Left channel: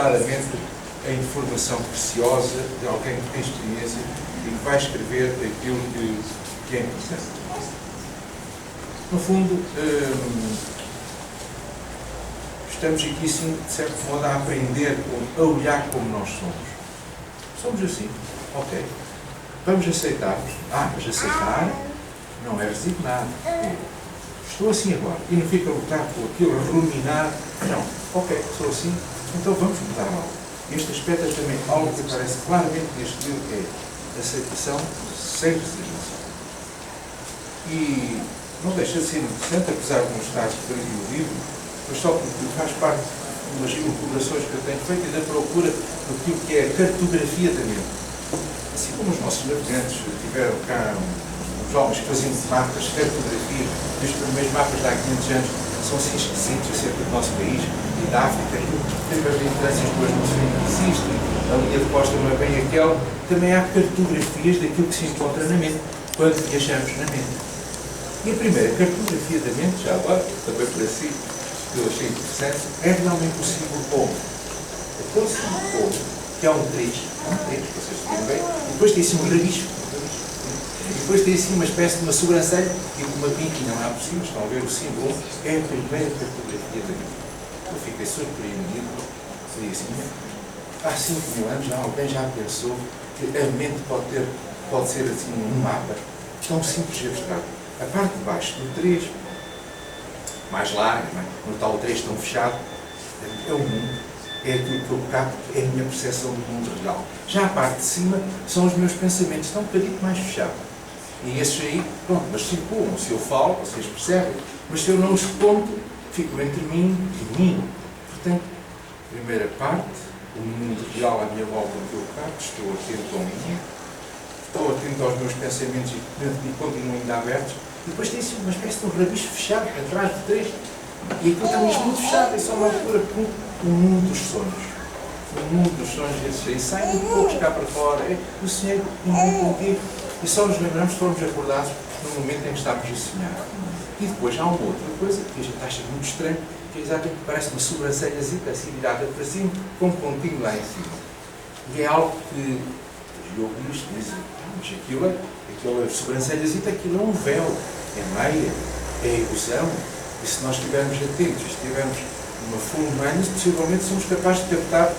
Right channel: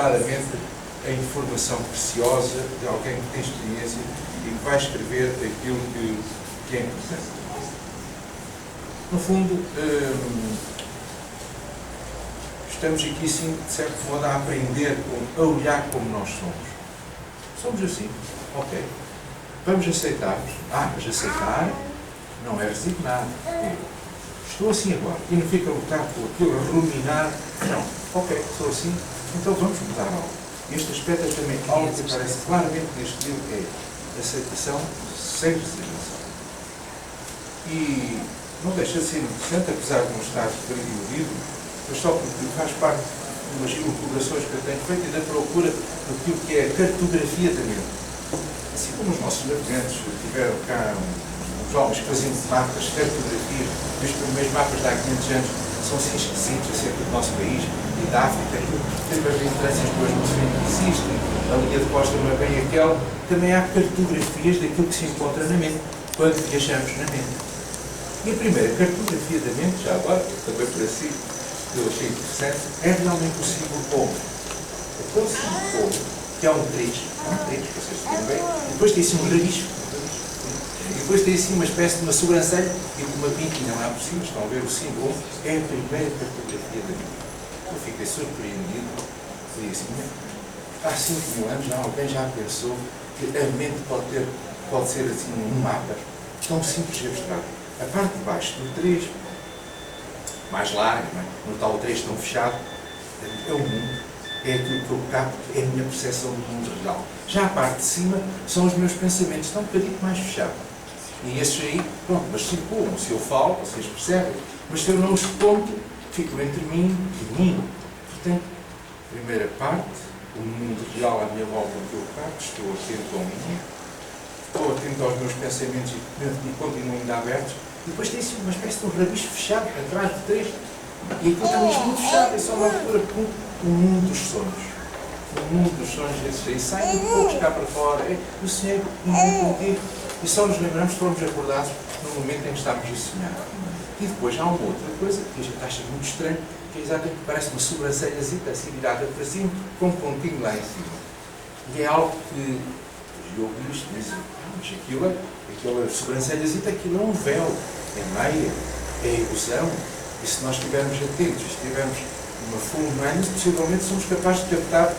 claramente a informação preciosa de alguém que tem experiência e que vai escrever aquilo que é interessante. No fundo, estamos aqui, sim, de certo modo, a aprender, a olhar como nós somos. Somos assim, ok. Vamos aceitar-nos. Mas aceitar não é resignar. Estou assim agora. E não fica a lutar por aquilo, a ruminar. Não, ok, sou assim, então vamos mudar algo. Este aspecto é também algo que aparece claramente neste livro, que é aceitação sem resignação. E não deixa de ser interessante, apesar de não estar escrito no livro, mas só porque faz parte de umas elucubrações que eu tenho feito e da procura daquilo que é a cartografia da mente. Assim como os nossos navegantes tiveram cá uns homens que faziam mapas, cartografias, e os primeiros mapas de há 500 anos são assim esquisitos acerca do nosso país e da África, tem as lideranças duas não existem, a linha de costa não é bem aquela, também há cartografias daquilo que se encontra na mente, quando viajamos na mente. E a primeira cartografia da mente, já agora, também por assim, que eu achei interessante, é realmente o símbolo povo. Aquele símbolo povo, que é um 3, vocês viram bem, e depois tem assim um rabisco, e depois tem assim uma espécie de uma sobrancelha e de uma pinta, não é possível, estão a ver o símbolo, é a primeira cartografia da mente. Eu fiquei surpreendido, falei assim, há 5.000 anos já alguém já pensou que a mente pode ser assim um mapa tão simples e abstrato. A parte de baixo do 3, mais larga, no tal 3 tão fechado, é o mundo, é aquilo que eu capto, é a minha percepção do mundo real. Já a parte de cima são os meus pensamentos, estão um bocadinho mais fechados. E esses aí, pronto, mas circulam. Se eu falo, vocês percebem, mas se eu não os conto, ficam entre mim e mim. Portanto, primeira parte, o mundo real à minha volta que eu capto, estou atento ao mim, estou atento aos meus pensamentos e continuo ainda abertos. E depois tem-se uma espécie de um rabisco fechado, atrás de 3. E aquilo está mesmo muito fechado, é só uma altura com o mundo dos sonhos. O mundo dos sonhos, esses aí saem um pouco cá para fora. Eu sonhei um mundo contigo. E só nos lembramos que fomos acordados no momento em que estávamos a sonhar. E depois há uma outra coisa que a gente acha muito estranho, que é exatamente que parece uma sobrancelhazita assim virada para cima, com um pontinho lá em cima. E é algo que os yoguis dizem, mas aquela sobrancelhazita, aquilo é um véu, é meia, é ilusão. E se nós estivermos atentos, estivermos numa full mindedness, possivelmente somos capazes de captar,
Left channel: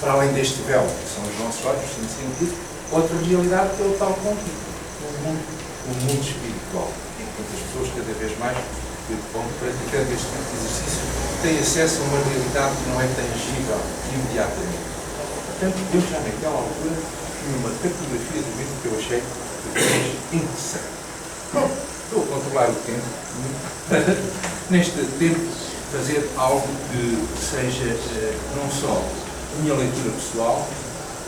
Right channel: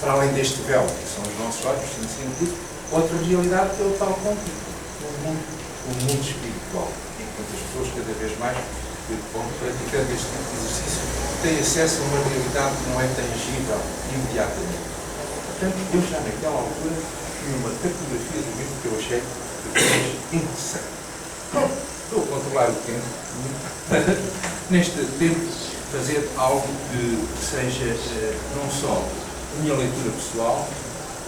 para além deste véu, que são os nossos olhos, os sentidos, outra realidade que é o tal ponto, o mundo espiritual. E quantas pessoas, cada vez mais, que vão praticando este tipo de exercício, têm acesso a uma realidade que não é tangível imediatamente. Portanto, eu já naquela altura tinha uma cartografia do livro que eu achei interessante. Bom, estou a controlar o tempo para, neste tempo, fazer algo que seja não só a minha leitura pessoal,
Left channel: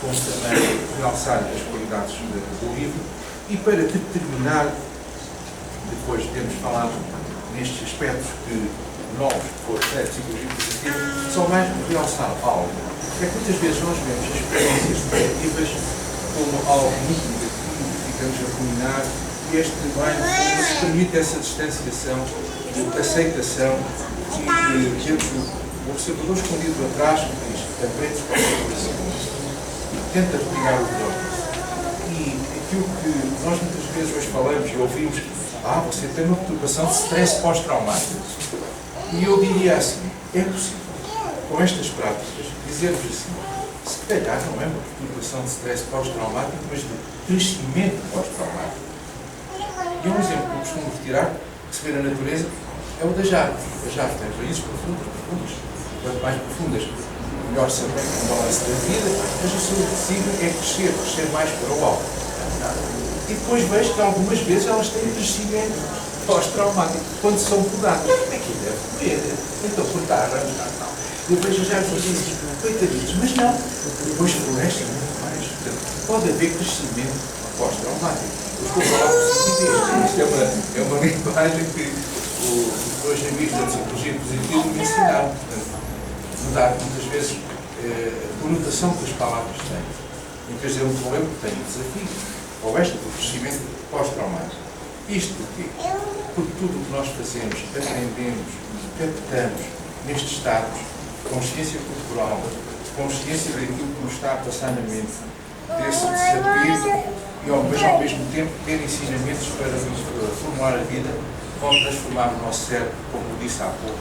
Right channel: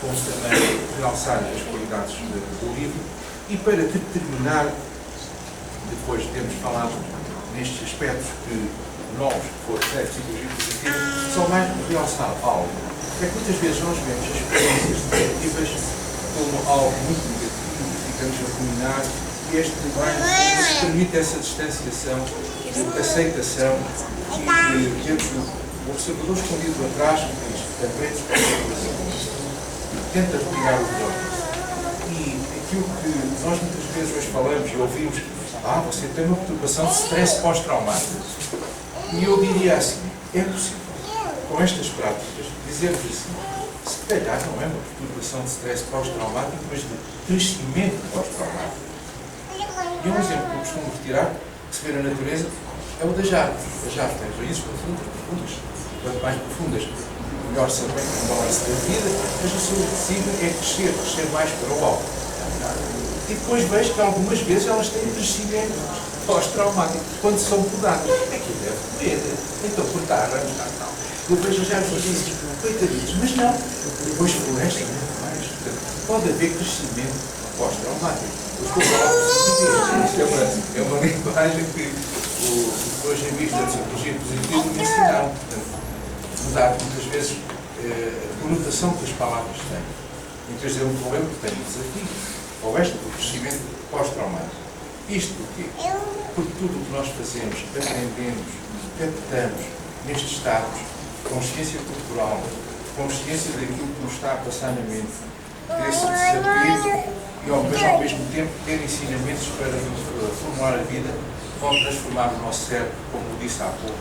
como também realçar as qualidades do livro e para determinar, depois de termos falado nestes aspectos novos que foram da psicologia positiva, só mais realçar algo. É que muitas vezes nós vemos as experiências negativas como algo muito negativo, ficamos a ruminar e este nos permite essa distanciação, aceitação e temos o observador escondido atrás que diz, aprende com o coração. Tenta retirar o pior disso. E aquilo que nós muitas vezes hoje falamos e ouvimos, você tem uma perturbação de stress pós-traumático. E eu diria assim, é possível, com estas práticas, dizer-vos assim, se calhar não é uma perturbação de stress pós-traumático, mas de crescimento pós-traumático. E um exemplo que eu costumo retirar, que se vê na natureza, é o das árvores. As árvores têm raízes profundas. Quanto mais profundas, melhor saber o balanço da vida, mas o seu signo é crescer mais para o alto. E depois vejo que algumas vezes elas têm crescimento pós-traumático, quando são podadas. Aquilo deve doer. Então cortar, tal. Eu vejo as árvores e digo, coitadinhos, mas não. Depois florescem muito mais. Portanto, pode haver crescimento pós-traumático. Eu estou a falar positivismo. Isto é uma linguagem que os dois amigos da psicologia positiva me ensinaram. Portanto, mudar muitas vezes a conotação que as palavras têm. Muitas vezes eu me lembro que tenho um desafio, ou esta do crescimento pós-traumático. Isto porquê? Porque tudo o que nós fazemos, aprendemos, captamos nestes estados, consciência corporal, consciência daquilo que nos está a passar na mente, desse desafio mas ao mesmo tempo ter ensinamentos para formular a vida, como transformar o nosso cérebro, como disse há pouco,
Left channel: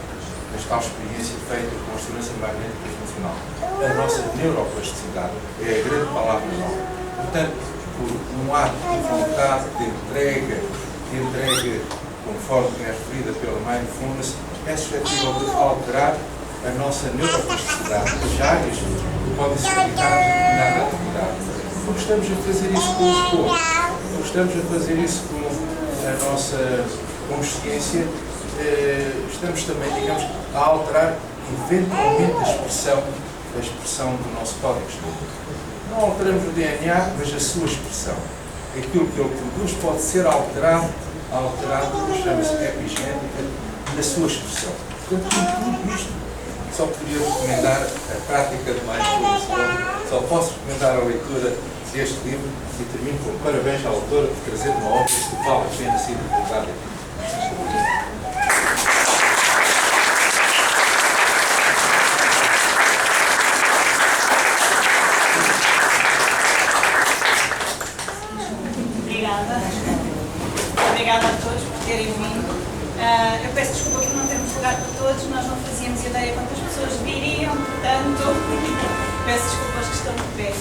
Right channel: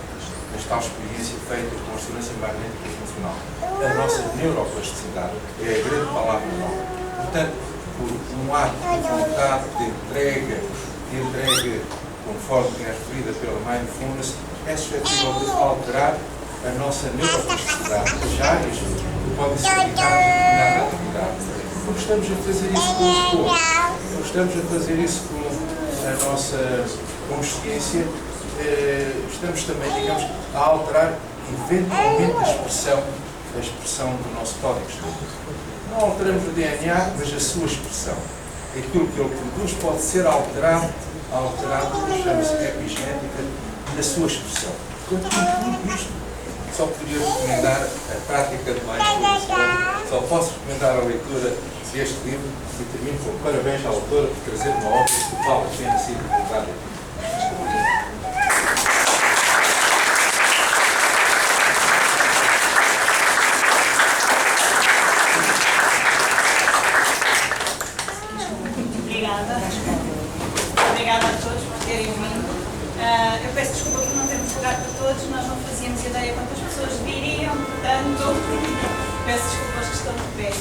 nesta tal experiência feita com a ressonância magnética funcional. A nossa neuroplasticidade é a grande palavra nova. Portanto, por um ato de vontade, de entrega conforme é referida pela Mindfulness, é suscetível de alterar a nossa neuroplasticidade, as áreas que podem ser aplicadas a determinada atividade. Porque estamos a fazer isso com o corpo, porque estamos a fazer isso com a nossa consciência, estamos também, digamos, a alterar eventualmente a expressão do nosso código genético. Não alteramos o DNA, mas a sua expressão. Aquilo que ele produz pode ser alterado, chama-se epigenética, na sua expressão. Portanto, tudo isto só poderia recomendar a prática de mindfulness. Só posso recomendar a leitura deste livro e termino com parabéns à autora por trazer uma obra que vale a pena ser divulgada. Obrigada a todos por terem vindo. Eu peço desculpa por não termos lugar para todos, nós não fazíamos ideia quantas pessoas viriam, portanto, peço desculpa aos que estão de pé.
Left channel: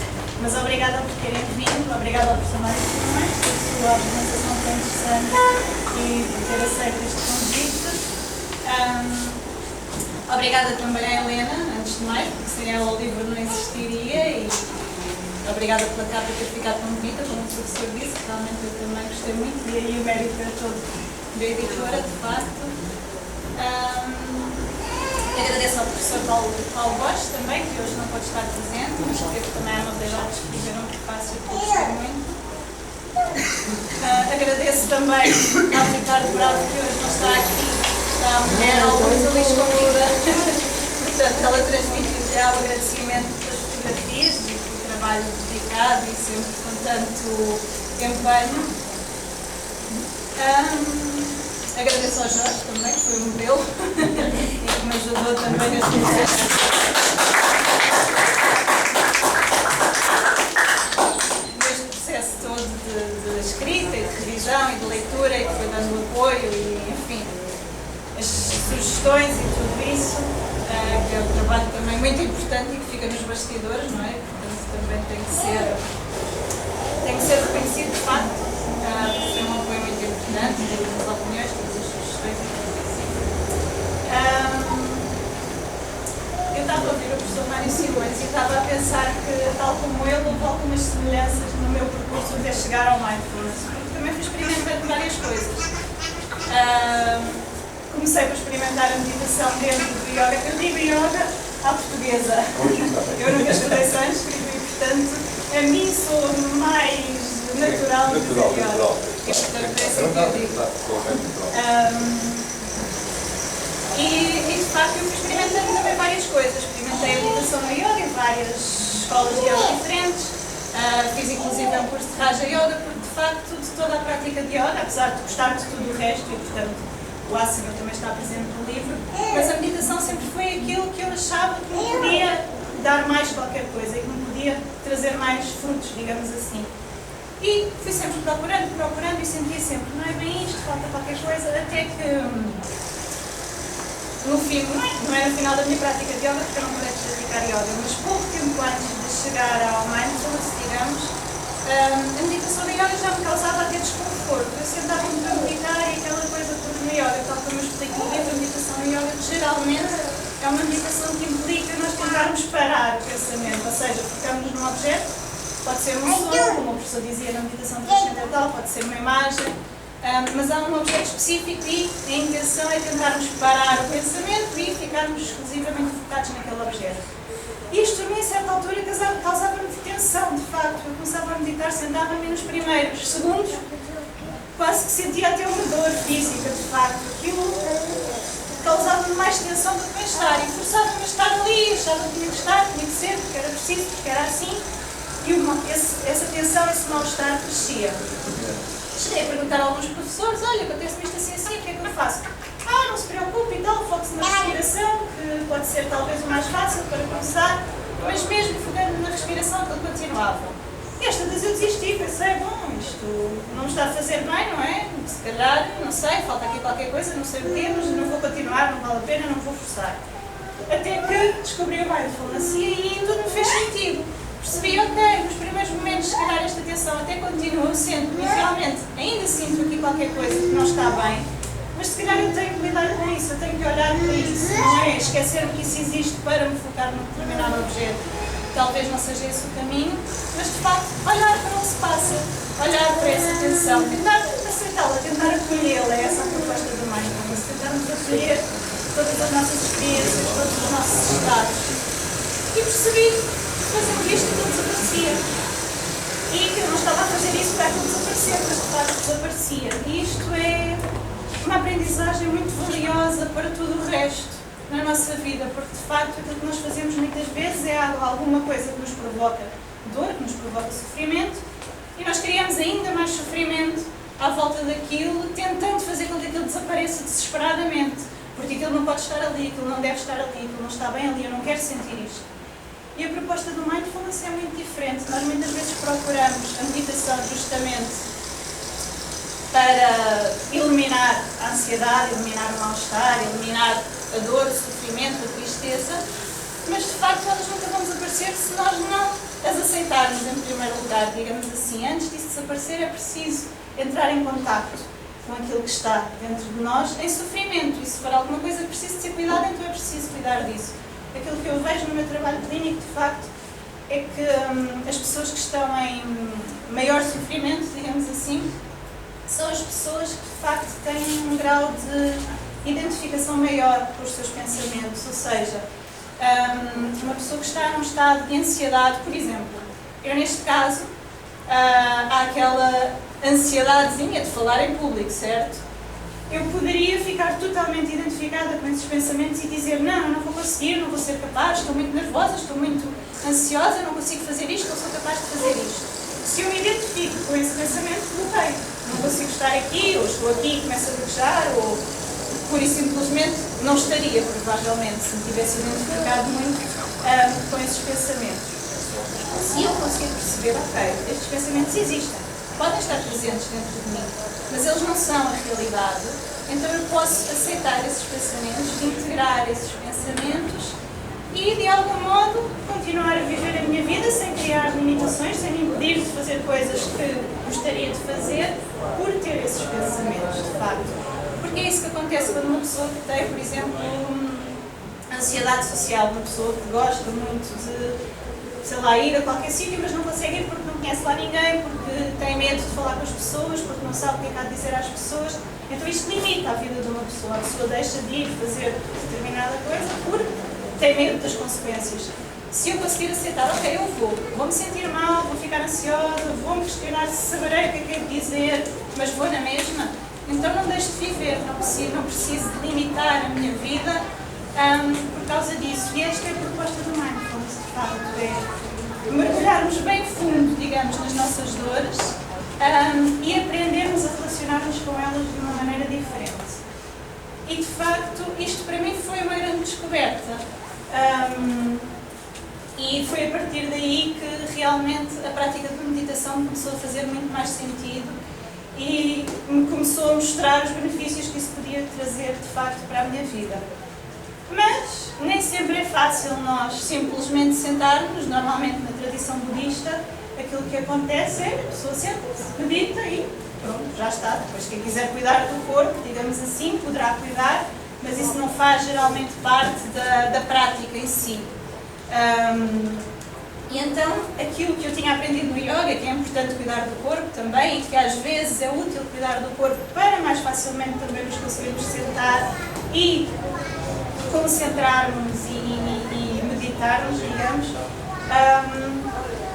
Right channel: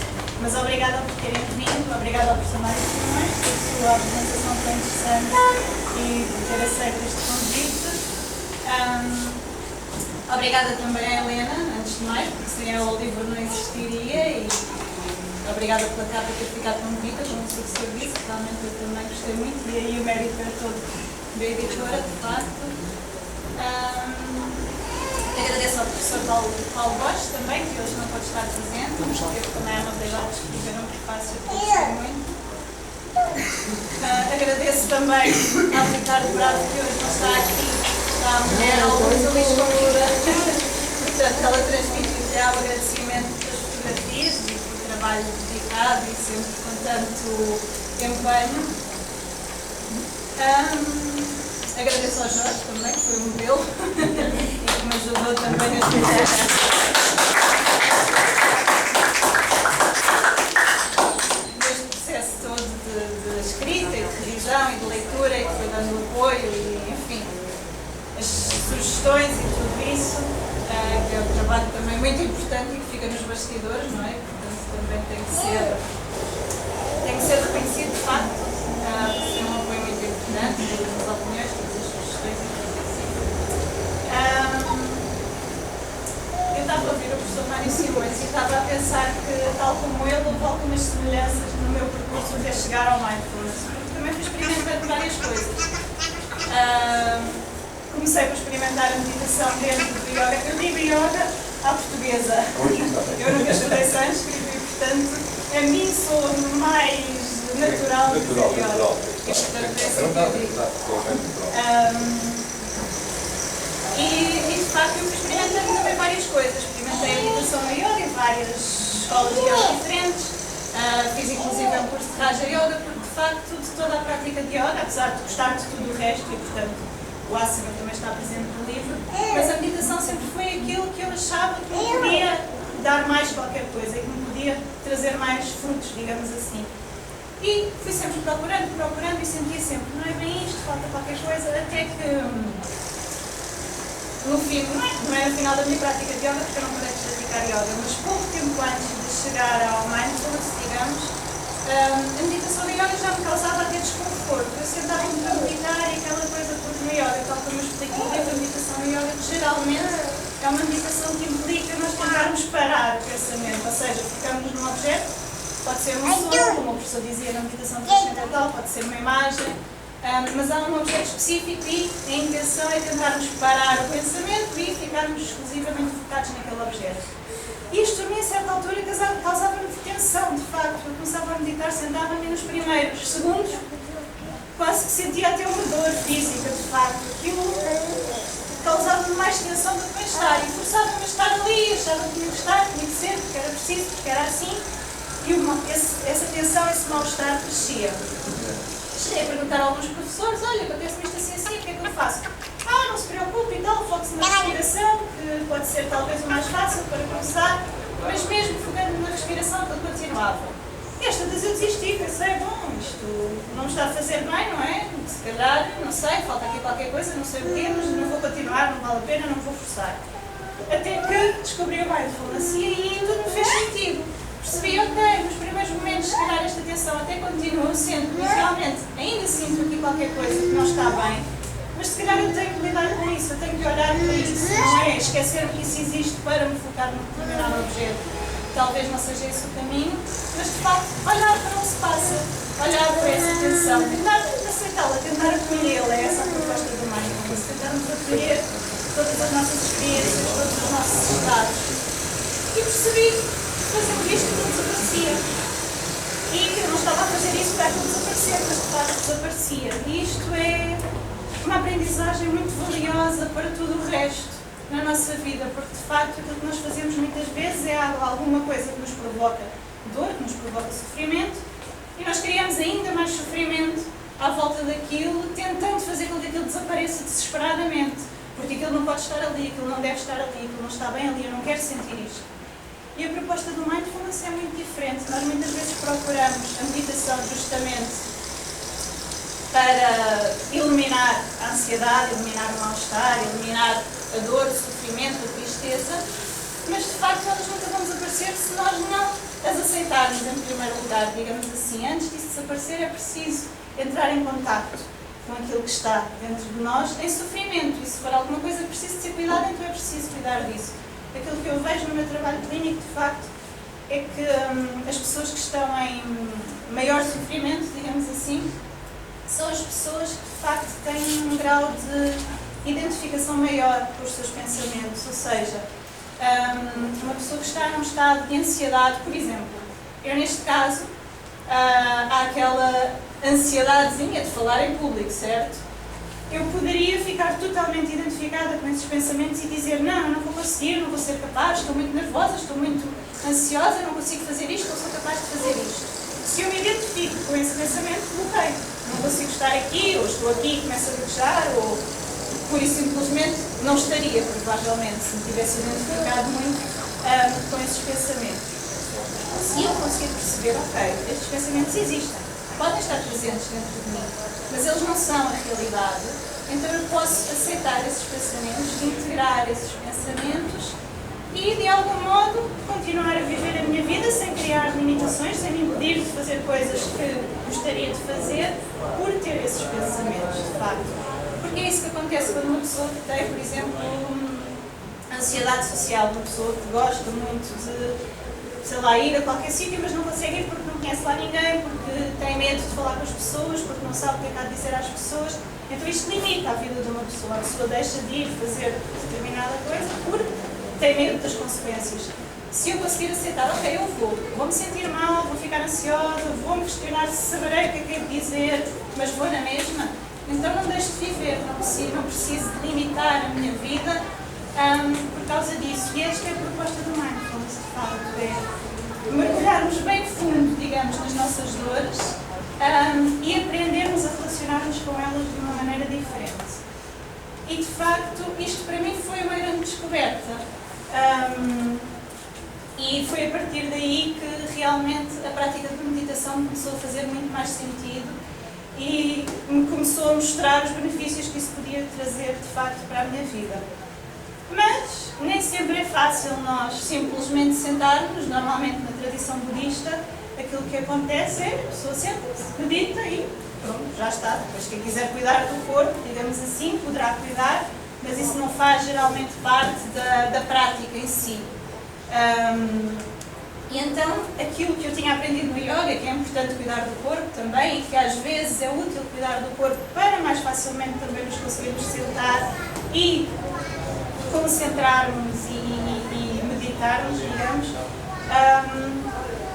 Mas obrigada por terem vindo, obrigada ao professor Mário Simões pela sua apresentação tão interessante e por ter aceito este convite. Obrigada também à Helena, antes de mais, porque sem ela o livro não existiria, e obrigada pela capa ter ficado tão bonita, como o professor disse, realmente eu também gostei muito, e aí o mérito é todo da editora, de facto. Agradeço ao professor Paulo Borges também, que hoje não pode estar presente, mas teve também a amabilidade de escrever um prefácio que eu gostei muito. Agradeço também ao Ricardo Bravo, que hoje não está aqui, está a mulher ao Luís Convida. Portanto, ela transmitiu já o agradecimento pelas fotografias e pelo trabalho dedicado e sempre com tanto empenho. Agradeço ao Jorge também, que foi um modelo e que me ajudou também neste processo. Neste processo todo de escrita e de revisão e de leitura, e que foi dando apoio e, enfim, as sugestões e tudo isso, que é um trabalho também muito importante e que fica nos bastidores, não é? Portanto, também tem que ser reconhecido, de facto. Foi um apoio muito importante, todas as opiniões, todas as sugestões e tudo isso. Eu estava a ouvir o professor Mário Simões e estava a pensar que, tal como ele, houve algumas semelhanças no meu percurso de chegar ao mindfulness, porque também fui experimentando várias coisas. Comecei por experimentar a meditação dentro do yoga. Eu digo yoga à portuguesa. Eu nunca estudei sânscrito e, portanto, a mim sou mais natural de fazer yoga. E, portanto, é assim que eu digo. E, de facto, eu fui experimentando também várias coisas. Experimentei a meditação no yoga em várias escolas de yoga diferentes. Fiz, inclusive, um curso de Raja Yoga, porque, de facto, de toda a prática de yoga, apesar de gostar de tudo o resto e, portanto, o asana também está presente no livro, mas a meditação sempre foi aquilo que eu achava que me podia dar mais qualquer coisa e que me podia trazer mais frutos, digamos assim. E fui sempre procurando e sentia sempre, não é bem isto, falta qualquer coisa, até que no fim, não é no final da minha prática de yoga, porque eu não parei de praticar yoga, mas pouco tempo antes de chegar ao mindfulness, digamos, a meditação da yoga já me causava até desconforto. Eu sentava-me para meditar e aquela coisa, porque no yoga, tal como eu explico no livro, a meditação no yoga geralmente é uma meditação que implica nós tentarmos parar o pensamento, ou seja, ficamos num objeto, pode ser um som, como o professor dizia na meditação transcendental, pode ser uma imagem, mas há um objeto específico e a intenção é tentarmos parar o pensamento e ficarmos exclusivamente focados naquele objeto. E isto a mim, a certa altura, causava-me tensão, de facto. Eu começava a meditar, sentava-me nos primeiros segundos, quase que sentia até uma dor física, de facto. Aquilo causava-me mais tensão do que bem-estar e forçava-me a estar ali, achava que tinha que estar, tinha que ser, porque era preciso, porque era assim. E essa tensão, esse mal-estar crescia. Cheguei a perguntar a alguns professores, olha, acontece-me isto assim, o que é que eu faço? Não se preocupe e tal, foque-se na respiração, que pode ser talvez o mais fácil para começar, mas continuava. E esta vez eu desisti, pensei, bom, isto não me está a fazer bem, não é? Se calhar, não sei, falta aqui qualquer coisa, não sei o quê, mas não vou continuar, não vale a pena, não vou forçar. Até que descobri o mindfulness e aí tudo me fez sentido. Percebi, ok, nos primeiros momentos, se calhar esta tensão até continua sendo, e realmente ainda sinto aqui qualquer coisa que não está bem, mas se calhar eu tenho que lidar com isso, eu tenho que olhar para isso, não é esquecer que isso existe para me focar num determinado objeto. Talvez não seja esse o caminho, mas de facto olhar para onde se passa, olhar para essa tensão, tentar aceitá-la, tentar acolhê-la, essa é a proposta do mindfulness, tentarmos acolher todas as nossas experiências, todos os nossos estados. E percebi que fazendo isto tudo desaparecia. E que eu não estava a fazer isso para aquilo desaparecer, mas de facto desaparecia. E isto é uma aprendizagem muito valiosa para tudo o resto na nossa vida, porque de facto aquilo que nós fazemos muitas vezes é alguma coisa que nos provoca dor, que nos provoca sofrimento, e nós criamos ainda mais sofrimento à volta daquilo, tentando fazer com que aquilo desapareça desesperadamente, porque aquilo não pode estar ali, aquilo não deve estar ali, aquilo não está bem ali, eu não quero sentir isto. E a proposta do mindfulness é muito diferente. Nós muitas vezes procuramos a meditação justamente para eliminar a ansiedade, eliminar o mal-estar, eliminar a dor, o sofrimento, a tristeza, mas de facto elas nunca vão desaparecer se nós não as aceitarmos em primeiro lugar, digamos assim. Antes disso desaparecer é preciso entrar em contacto com aquilo que está dentro de nós em sofrimento, e se for alguma coisa que precisa de ser cuidado, então é preciso cuidar disso. Aquilo que eu vejo no meu trabalho clínico, de facto, é que as pessoas que estão em maior sofrimento, digamos assim, são as pessoas que de facto têm um grau de identificação maior com os seus pensamentos, ou seja, uma pessoa que está num estado de ansiedade, por exemplo, eu neste caso, há aquela ansiedadezinha de falar em público, certo? Eu poderia ficar totalmente identificada com esses pensamentos e dizer não, eu não vou conseguir, não vou ser capaz, estou muito nervosa, estou muito ansiosa, não consigo fazer isto, não sou capaz de fazer isto. Se eu me identifico com esse pensamento, bloqueio. Não consigo estar aqui, ou estou aqui e começo a gaguejar, ou pura e simplesmente não estaria, provavelmente, se me tivesse identificado muito com esses pensamentos. Se eu conseguir perceber, ok, estes pensamentos existem, podem estar presentes dentro de mim, mas eles não são a realidade, então eu posso aceitar esses pensamentos, integrar esses pensamentos e, de algum modo, continuar a viver a minha vida sem criar limitações, sem me impedir de fazer coisas que gostaria de fazer por ter esses pensamentos, de facto. Porque é isso que acontece quando uma pessoa que tem, por exemplo, ansiedade social, uma pessoa que gosta muito de, sei lá, ir a qualquer sítio, mas não consegue ir porque não conhece lá ninguém, porque tem medo de falar com as pessoas, porque não sabe o que é que há de dizer às pessoas. Então isto limita a vida de uma pessoa. A pessoa deixa de ir fazer determinada coisa porque tem medo das consequências. Se eu conseguir aceitar, ok, eu vou-me sentir mal, vou ficar ansiosa, vou-me questionar se saberei o que é que é de dizer, mas vou na mesma, então não deixo de viver, não preciso de limitar a minha vida por causa disso. E esta é a proposta do mindfulness, de facto, é mergulharmos bem fundo, digamos, nas nossas dores e aprendermos a relacionar-nos com elas de uma maneira diferente. E, de facto, isto para mim foi uma grande descoberta. E foi a partir daí que realmente a prática de meditação me começou a fazer muito mais sentido e me começou a mostrar os benefícios que isso podia trazer, de facto, para a minha vida. Mas nem sempre é fácil nós simplesmente sentarmos. Normalmente na tradição budista aquilo que acontece é a pessoa senta-se, medita e pronto, já está. Depois quem quiser cuidar do corpo, digamos assim, poderá cuidar, mas isso não faz geralmente parte da prática em si. E então aquilo que eu tinha aprendido no yoga, que é importante cuidar do corpo também, e que às vezes é útil cuidar do corpo para mais facilmente também nos conseguirmos sentar e concentrarmos e meditarmos, digamos,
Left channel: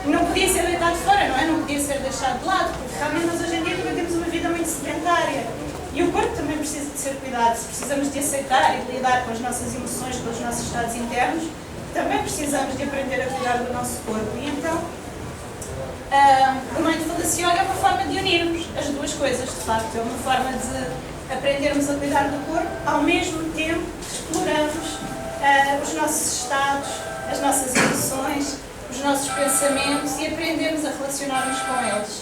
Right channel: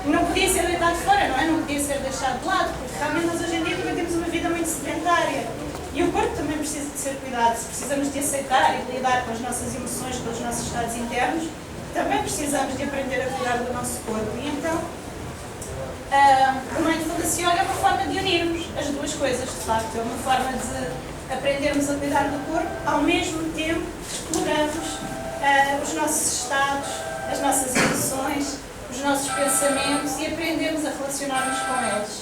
não podia ser deitado fora, não é? Não podia ser deixado de lado, porque realmente nós hoje em dia também temos uma vida muito sedentária e o corpo também precisa de ser cuidado. Se precisamos de aceitar e de lidar com as nossas emoções, com os nossos estados internos, também precisamos de aprender a cuidar do nosso corpo. E então, o Mindfulness Yoga é uma forma de unirmos as duas coisas, de facto. É uma forma de aprendermos a cuidar do corpo, ao mesmo tempo que exploramos os nossos estados, as nossas emoções os nossos pensamentos e aprendermos a relacionar-nos com eles.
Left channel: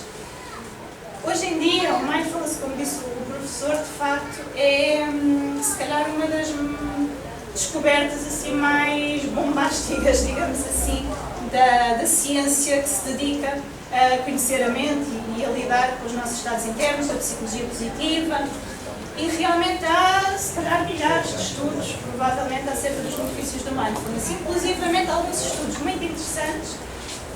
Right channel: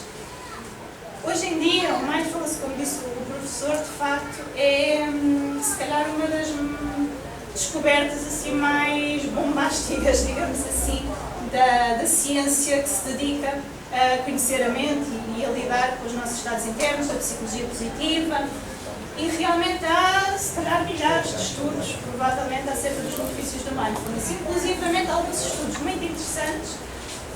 Hoje em dia, o Mindfulness, como disse o professor, de facto, é se calhar uma das descobertas assim mais bombásticas, digamos assim, da ciência que se dedica a conhecer a mente e a lidar com os nossos estados internos, da psicologia positiva. E realmente há, se calhar, milhares de estudos, provavelmente, acerca dos benefícios do Mindfulness. Inclusivamente, alguns estudos muito interessantes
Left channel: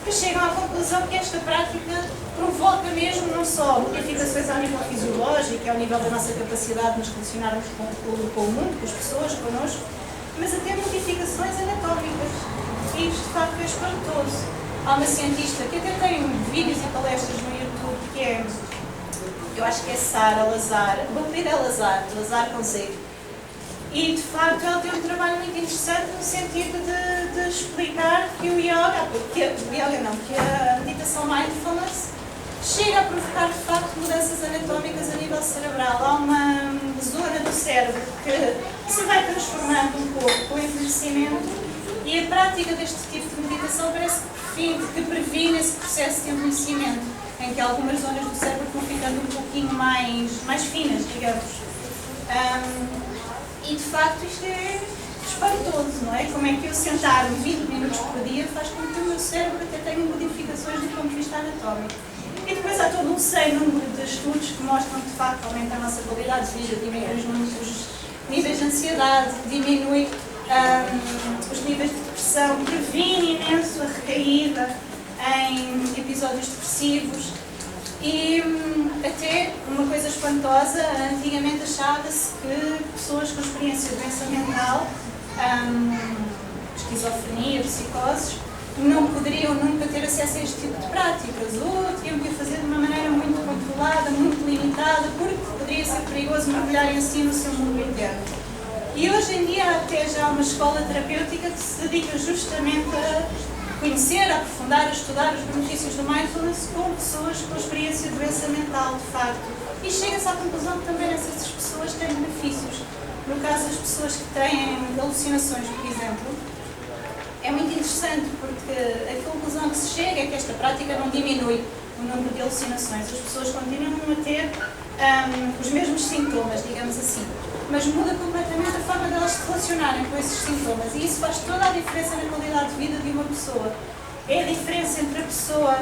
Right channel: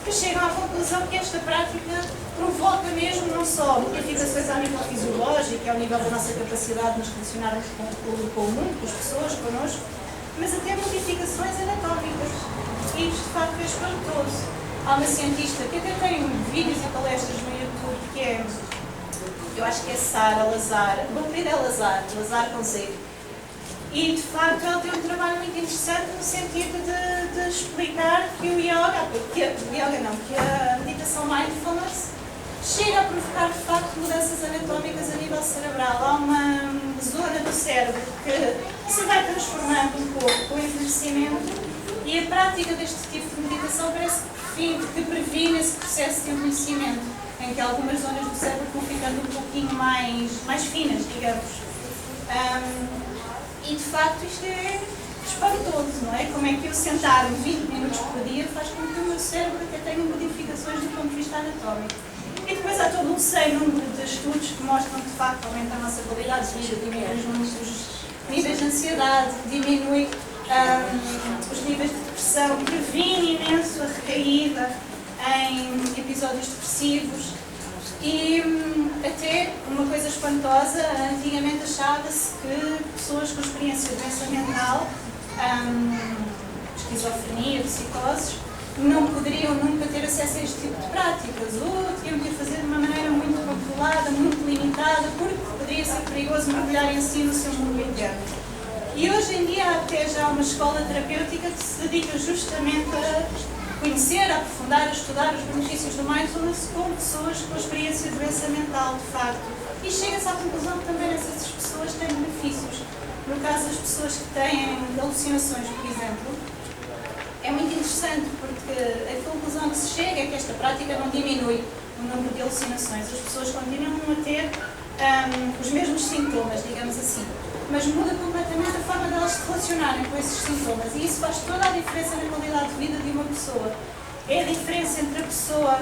que chegam à conclusão que esta prática provoca mesmo não só modificações ao nível fisiológico, ao nível da nossa capacidade de nos relacionarmos com o mundo, com as pessoas, connosco, mas até modificações anatómicas. E isto, de facto, é espantoso. Há uma cientista que até tem vídeos e palestras no YouTube que é, eu acho que é Sara Lazar, o apelido é Lazar com Z. E, de facto, ela tem um trabalho muito interessante no sentido de explicar que o yoga, que a meditação mindfulness chega a provocar, de facto, mudanças anatómicas a nível cerebral. Há uma zona do cérebro que se vai transformando um pouco com o envelhecimento e a prática deste tipo de meditação parece que previne esse processo de envelhecimento, em que algumas zonas do cérebro vão ficando um pouquinho mais finas, digamos. E, de facto, isto é espantoso, não é? Como é que eu sentar-me 20 minutos por dia faz com que o meu cérebro até tenha modificações do ponto de vista anatómico. E depois há todo um sem número de estudos que mostram que, de facto, aumenta a nossa qualidade de vida, diminui os níveis de ansiedade, diminui os níveis de depressão, previne imenso a recaída em episódios depressivos. E até uma coisa espantosa, antigamente achava-se que pessoas com experiência de doença mental, esquizofrenia, psicoses, não poderiam nunca ter acesso a este tipo de práticas, ou tinham que fazer de uma maneira muito controlada, muito limitada, porque poderia ser perigoso mergulhar em si no seu mundo interno. E hoje em dia até já há uma escola terapêutica que se dedica justamente a conhecer, a aprofundar, a estudar os benefícios do Mindfulness com pessoas com experiência de doença mental, de facto. E chega-se à conclusão que também essas pessoas têm benefícios. No caso das pessoas que têm alucinações, por exemplo, é muito interessante porque a conclusão que se chega é que esta prática não diminui o número de alucinações. As pessoas continuam a ter os mesmos sintomas, digamos assim, mas muda completamente a forma delas se relacionarem com esses sintomas e isso faz toda a diferença na qualidade de vida de uma pessoa. É a diferença entre a pessoa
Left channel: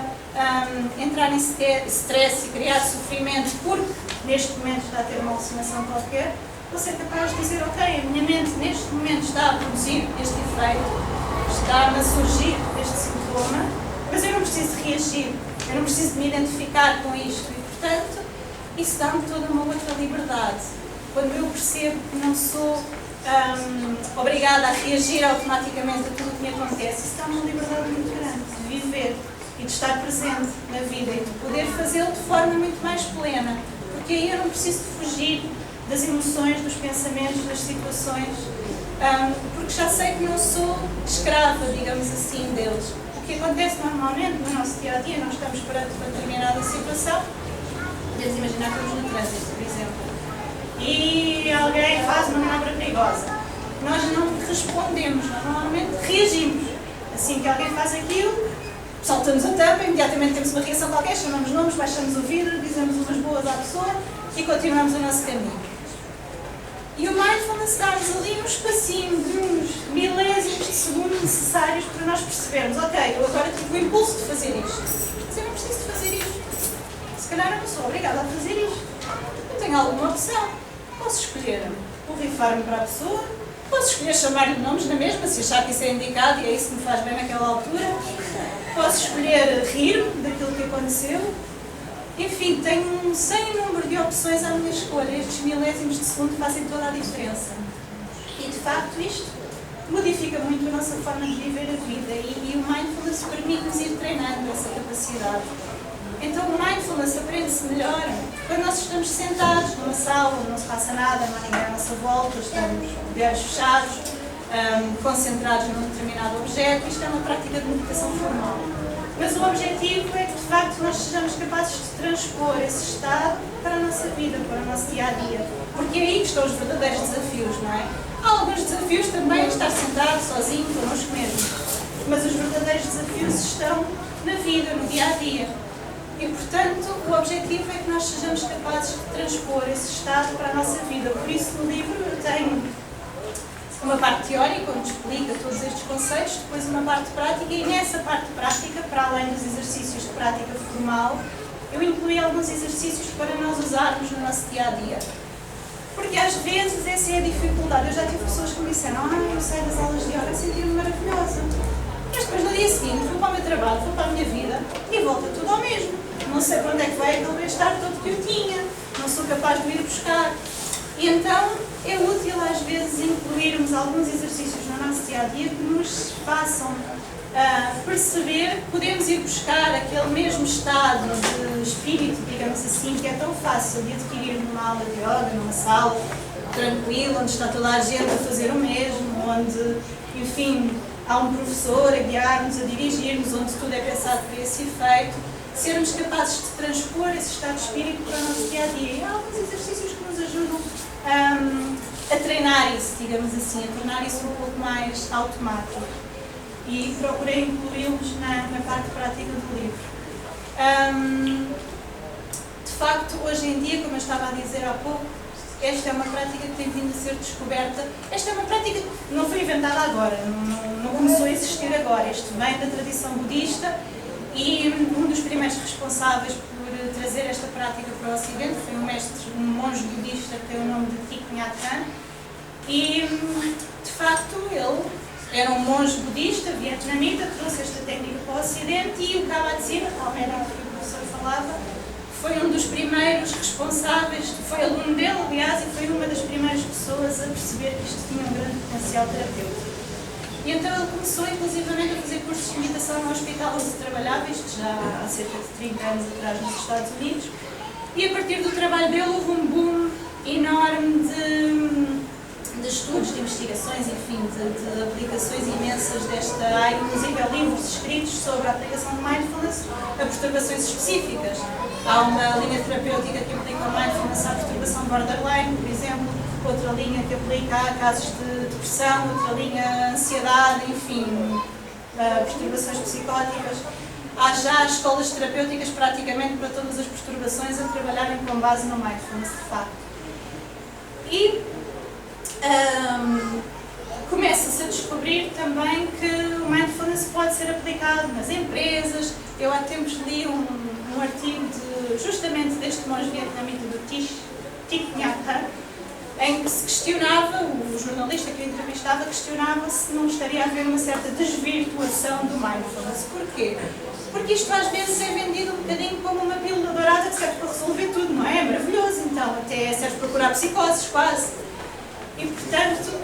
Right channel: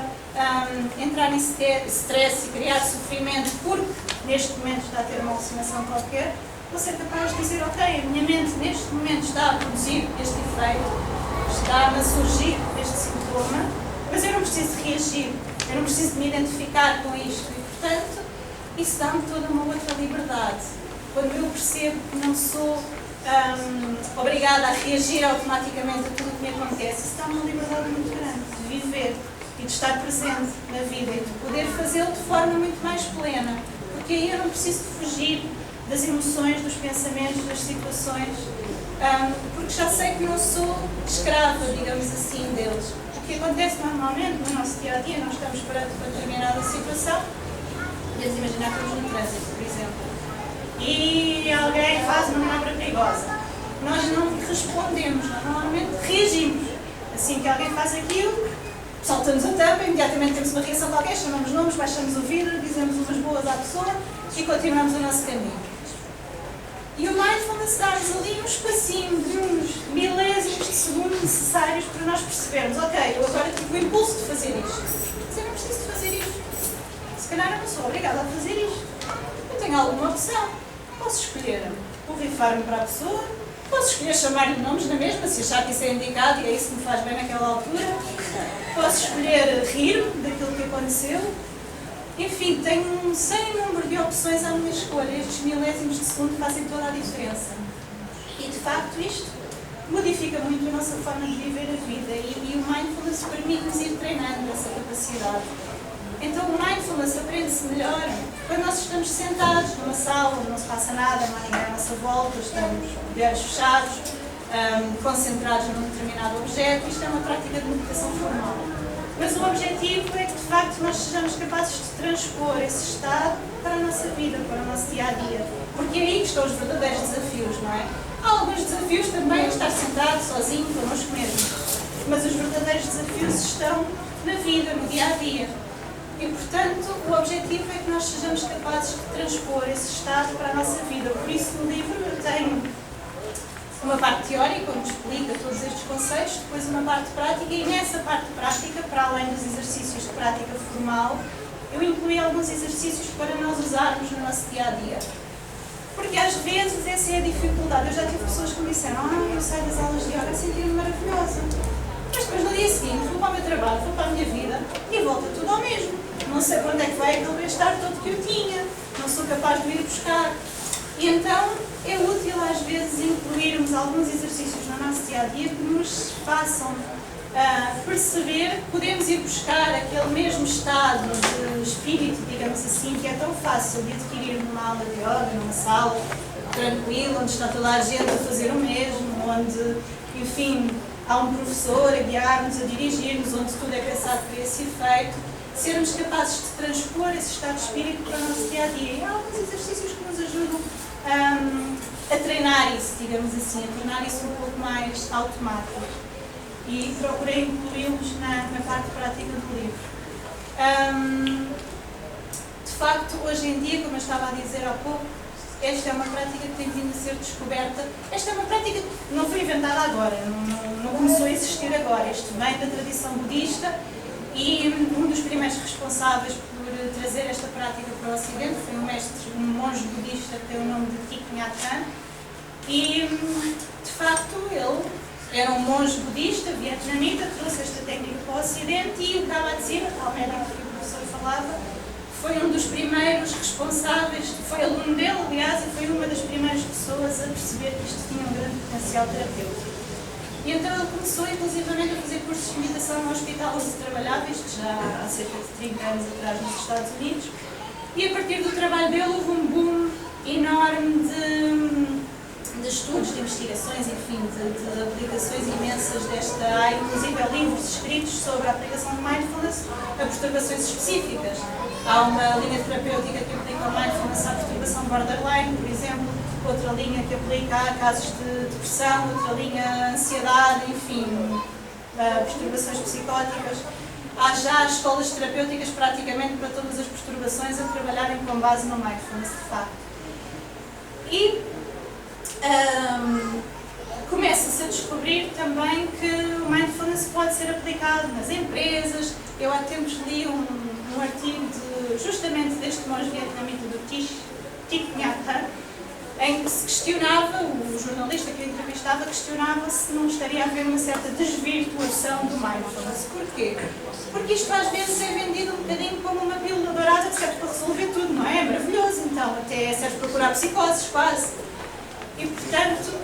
entrar em stress e criar sofrimento porque neste momento está a ter uma alucinação qualquer, ou ser capaz de dizer, ok, a minha mente neste momento está a produzir este efeito, está-me a surgir este sintoma, mas eu não preciso reagir, eu não preciso de me identificar com isto e, portanto, isso dá-me toda uma outra liberdade. Quando eu percebo que não sou obrigada a reagir automaticamente a tudo o que me acontece, isso dá-me uma liberdade muito grande de viver e de estar presente na vida e de poder fazê-lo de forma muito mais plena, porque aí eu não preciso de fugir das emoções, dos pensamentos, das situações, porque já sei que não sou escrava, digamos assim, deles. O que acontece normalmente no nosso dia-a-dia, nós estamos perante uma determinada situação, podemos imaginar que estamos no trânsito, por exemplo, e alguém faz uma manobra perigosa. Nós não respondemos, nós normalmente reagimos. Assim que alguém faz aquilo, saltamos a tampa, imediatamente temos uma reação qualquer, chamamos nomes, baixamos o vidro, dizemos umas boas à pessoa e continuamos o nosso caminho. E o Mindfulness dá-nos ali um espacinho de uns milésimos de segundo necessários para nós percebermos, ok, eu agora tive o impulso de fazer isto, mas eu não preciso de fazer isto. Se calhar eu não sou obrigada a fazer isto. Eu tenho alguma opção. Posso escolher borrifar-me para a pessoa, posso escolher chamar-lhe nomes na mesma, se achar que isso é indicado e é isso que me faz bem naquela altura. Posso escolher rir-me daquilo que aconteceu. Enfim, tenho um sem número de opções à minha escolha. Estes milésimos de segundo fazem toda a diferença. E, de facto, isto modifica muito a nossa forma de viver a vida e o Mindfulness permite-nos ir treinando essa capacidade. Então, o Mindfulness aprende-se melhor quando nós estamos sentados numa sala onde não se passa nada, não há ninguém à nossa volta, estamos de olhos fechados, concentrados num determinado objeto. Isto é uma prática de meditação formal. Mas o objetivo é que, de facto, nós sejamos capazes de transpor esse estado para a nossa vida, para o nosso dia-a-dia. Porque é aí que estão os verdadeiros desafios, não é? Há alguns desafios também a estar sentado, sozinho, connosco mesmos. mas os verdadeiros desafios estão na vida, no dia-a-dia. E, portanto, o objetivo é que nós sejamos capazes de transpor esse estado para a nossa vida. Por isso, no livro eu tenho uma parte teórica, onde explica todos estes conceitos, depois uma parte prática, e nessa parte prática, para além dos exercícios de prática formal, eu incluí alguns exercícios para nós usarmos no nosso dia-a-dia. Porque às vezes essa é a dificuldade. Eu já tive pessoas que me disseram: eu saio das aulas de yoga sentindo-me maravilhosa. Mas depois no dia seguinte vou para o meu trabalho, vou para a minha vida e volta tudo ao mesmo. Não sei para onde é que vai aquele bem-estar todo que eu tinha, não sou capaz de ir buscar. E então é útil às vezes incluirmos alguns exercícios no nosso dia-a-dia que nos façam perceber que podemos ir buscar aquele mesmo estado de espírito, digamos assim, que é tão fácil de adquirir numa aula de yoga, numa sala tranquila, onde está toda a gente a fazer o mesmo, onde, enfim, há um professor a guiar-nos, a dirigir-nos, onde tudo é pensado para esse efeito, sermos capazes de transpor esse estado de espírito para o nosso dia-a-dia. E há alguns exercícios que nos ajudam a treinar isso, digamos assim, a tornar isso um pouco mais automático. E procurei incluí-los na parte prática do livro. De facto, hoje em dia, como eu estava a dizer há pouco, esta é uma prática que tem vindo a ser descoberta. Esta é uma prática que não foi inventada agora, não começou a existir agora. Isto vem da tradição budista e um dos primeiros responsáveis por trazer esta prática para o Ocidente foi um monge budista que tem o nome de Thich Nhat Hanh. E, de facto, ele era um monge budista, vietnamita, trouxe esta técnica para o Ocidente e o Kabat-Zinn, tal médico que o professor falava, foi um dos primeiros responsáveis, foi aluno dele, aliás, e foi uma das primeiras pessoas a perceber que isto tinha um grande potencial terapêutico. E então ele começou, inclusivamente, a fazer cursos de meditação no hospital onde trabalhava, isto já há cerca de 30 anos atrás nos Estados Unidos, e a partir do trabalho dele houve um boom enorme de estudos, de investigações, enfim, de aplicações imensas desta área, inclusive livros escritos sobre a aplicação de mindfulness a perturbações específicas. Há uma linha terapêutica que aplica o mindfulness à perturbação borderline, por exemplo, outra linha que aplica a casos de depressão, outra linha a ansiedade, enfim, perturbações psicóticas. Há já escolas terapêuticas praticamente para todas as perturbações a trabalharem com base no mindfulness, de facto. E começa-se a descobrir também que o mindfulness pode ser aplicado nas empresas. Eu há tempos li um artigo justamente deste monge vietnamita do Thich Nhat Hanh, em que se questionava, o jornalista que o entrevistava questionava se não estaria a haver uma certa desvirtuação do mindfulness. Porquê? Porque isto às vezes é vendido um bocadinho como uma pílula dourada que serve para resolver tudo, não é? É maravilhoso, então, até serve para curar psicoses, quase. E, portanto,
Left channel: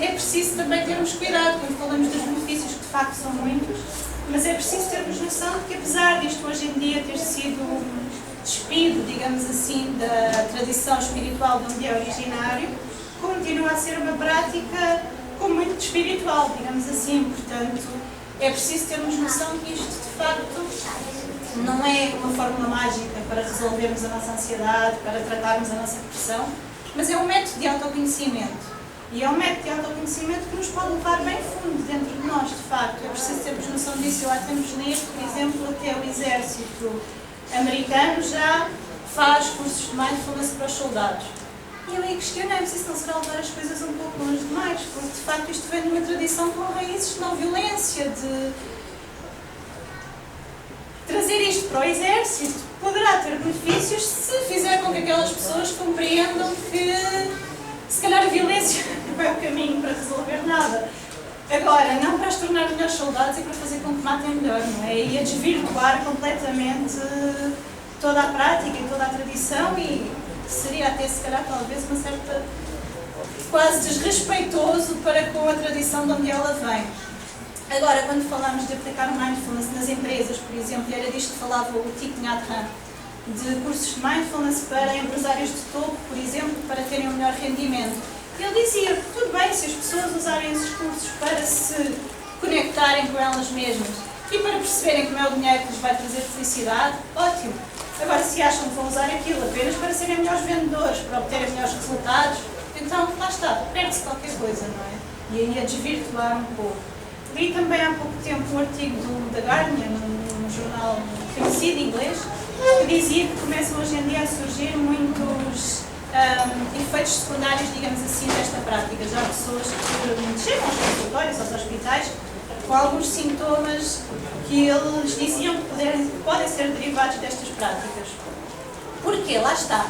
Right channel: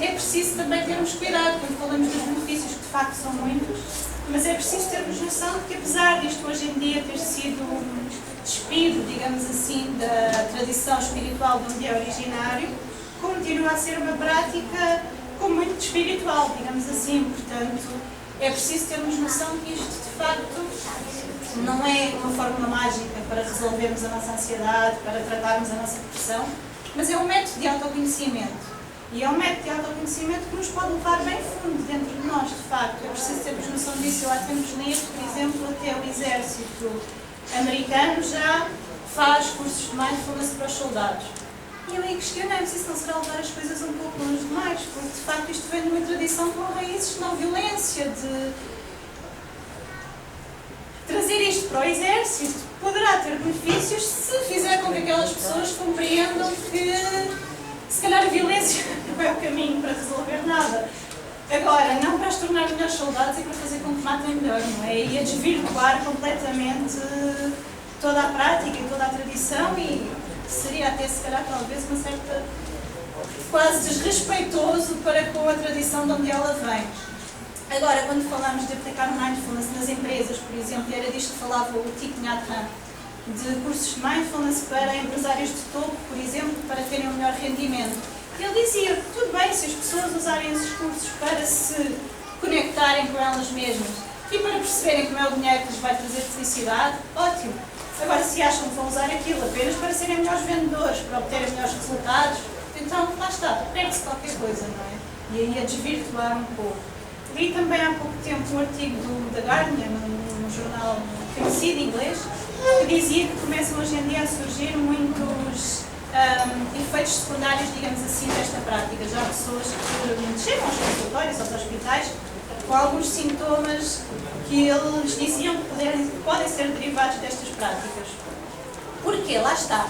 é preciso também termos cuidado quando falamos dos benefícios, que de facto são muitos, mas é preciso termos noção de que, apesar disto hoje em dia ter sido despido, digamos assim, da tradição espiritual de onde é originário, continua a ser uma prática com muito espiritual, digamos assim. Portanto, é preciso termos noção que isto, de facto, não é uma fórmula mágica para resolvermos a nossa ansiedade, para tratarmos a nossa depressão, mas é um método de autoconhecimento. E é um método de autoconhecimento que nos pode levar bem fundo dentro de nós, de facto. É preciso termos noção disso. Eu há tempos li, por exemplo, até o exército americano já faz cursos de mindfulness para os soldados. E eu aí questionei-me se isso não será levar as coisas um pouco longe demais, porque de facto isto vem de uma tradição com raízes de não violência, de trazer isto para o exército poderá ter benefícios se fizer com que aquelas pessoas compreendam que se calhar a violência não é o caminho para resolver nada. Agora, não para as tornar melhores soldados e para fazer com que matem melhor, não é? E a desvirtuar completamente toda a prática e toda a tradição, e seria até, se calhar, talvez, uma certa quase desrespeitoso para com a tradição de onde ela vem. Agora, quando falamos de aplicar o mindfulness nas empresas, por exemplo, e era disto que falava o Thich Nhat Hanh, de cursos de mindfulness para empresários de topo, por exemplo, para terem um melhor rendimento. Ele dizia, tudo bem se as pessoas usarem esses cursos para se conectarem com elas mesmas e para perceberem como é o dinheiro que lhes vai trazer felicidade, ótimo. Agora, se acham que vão usar aquilo apenas para serem melhores vendedores, para obterem melhores resultados, então lá está, perde-se qualquer coisa, não é? E aí a desvirtuar um pouco. Li também há pouco tempo um artigo do The Guardian, num jornal conhecido inglês, que dizia que começam hoje em dia a surgir muitos efeitos secundários, digamos assim, desta prática. Já há pessoas que chegam aos consultórios, aos hospitais, com alguns sintomas que eles diziam que podem ser derivados destas práticas. Porquê? Lá está.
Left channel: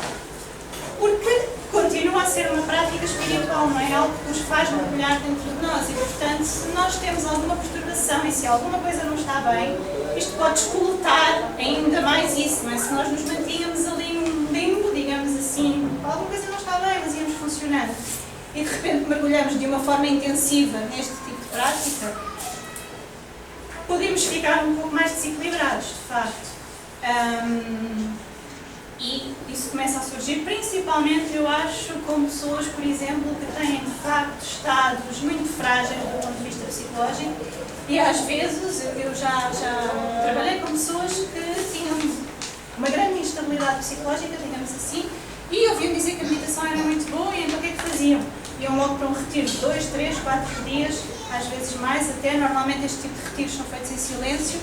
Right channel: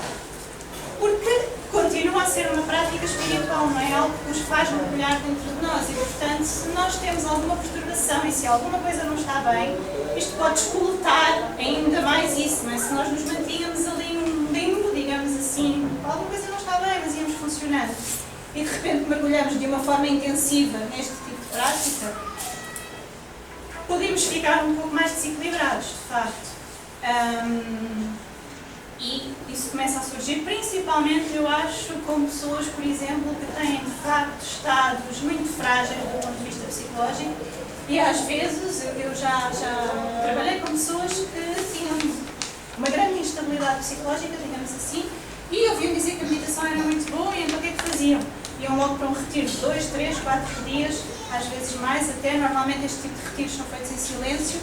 Porque continua a ser uma prática espiritual, não é algo que nos faz mergulhar dentro de nós e, portanto, se nós temos alguma perturbação e se alguma coisa não está bem, isto pode descolotar ainda mais isso, não é? Se nós nos mantínhamos ali num limbo, digamos assim, alguma coisa não está bem, mas íamos funcionando e de repente mergulhamos de uma forma intensiva neste tipo de prática, podemos ficar um pouco mais desequilibrados, de facto. E isso começa a surgir, principalmente, eu acho, com pessoas, por exemplo, que têm, de facto, estados muito frágeis do ponto de vista psicológico e, às vezes, eu já trabalhei com pessoas que tinham uma grande instabilidade psicológica, digamos assim, e ouviam dizer que a meditação era muito boa e então o que é que faziam? Iam logo para um retiro de 2, 3, 4 dias, às vezes mais até, normalmente este tipo de retiros são feitos em silêncio.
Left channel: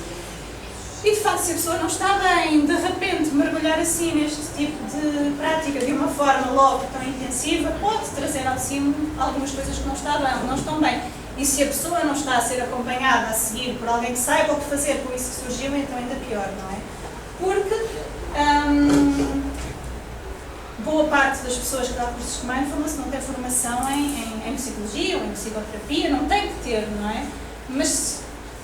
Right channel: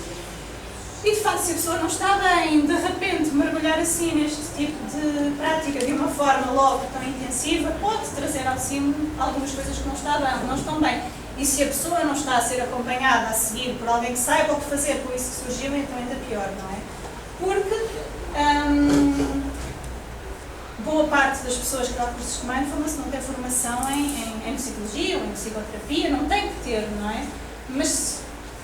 E de facto, se a pessoa não está bem, de repente mergulhar assim neste tipo de prática de uma forma logo tão intensiva, pode trazer ao de cima algumas coisas que não estão bem. E se a pessoa não está a ser acompanhada a seguir por alguém que saiba o que fazer com isso que surgiu, então ainda pior, não é? Porque boa parte das pessoas que dão cursos de mindfulness não tem formação em psicologia ou em psicoterapia, não tem que ter, não é? Mas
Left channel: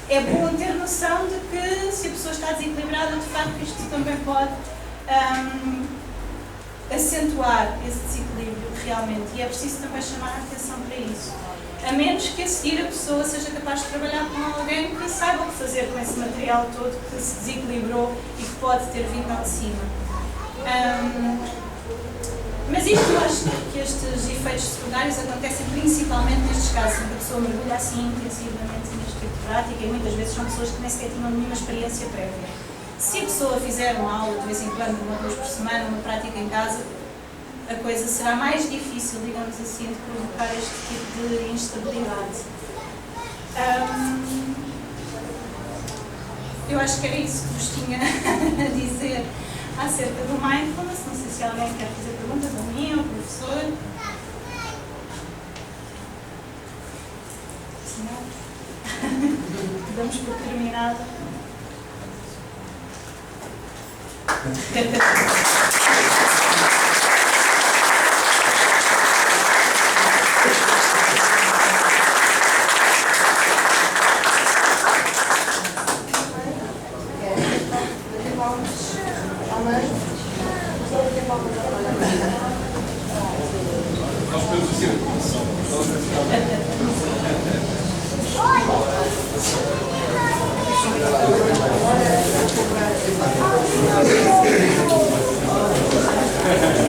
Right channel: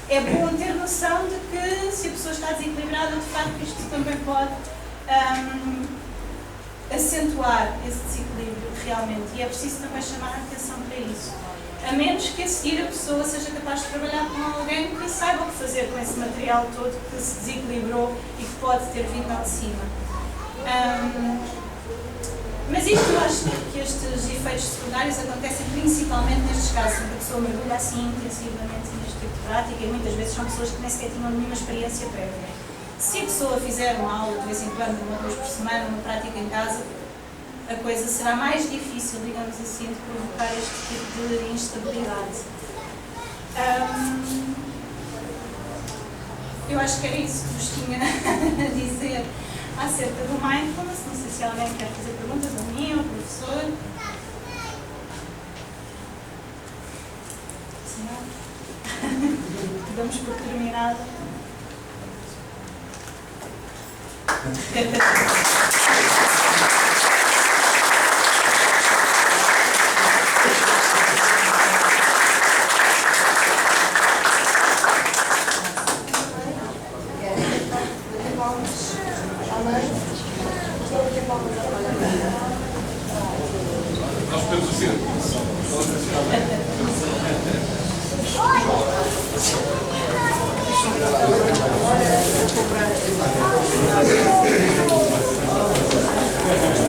é bom ter noção de que se a pessoa está desequilibrada, de facto isto também pode acentuar esse desequilíbrio realmente, e é preciso também chamar a atenção para isso. A menos que a seguir a pessoa seja capaz de trabalhar com alguém que saiba o que fazer com esse material todo que se desequilibrou e que pode ter vindo ao de cima. Mas isto, eu acho que estes efeitos secundários acontecem principalmente nestes casos em que a pessoa mergulha assim intensivamente neste tipo de prática, e muitas vezes são pessoas que nem sequer tinham nenhuma experiência prévia. Se a pessoa fizer uma aula de vez em quando, uma vez por semana, uma prática em casa, a coisa será mais difícil, digamos assim, de provocar este tipo de instabilidade. Eu acho que era isso que vos tinha a dizer acerca do mindfulness. Não sei se alguém quer fazer perguntas a mim ou ao professor. Se não, damos por terminado. Nós podemos dizer. Oi!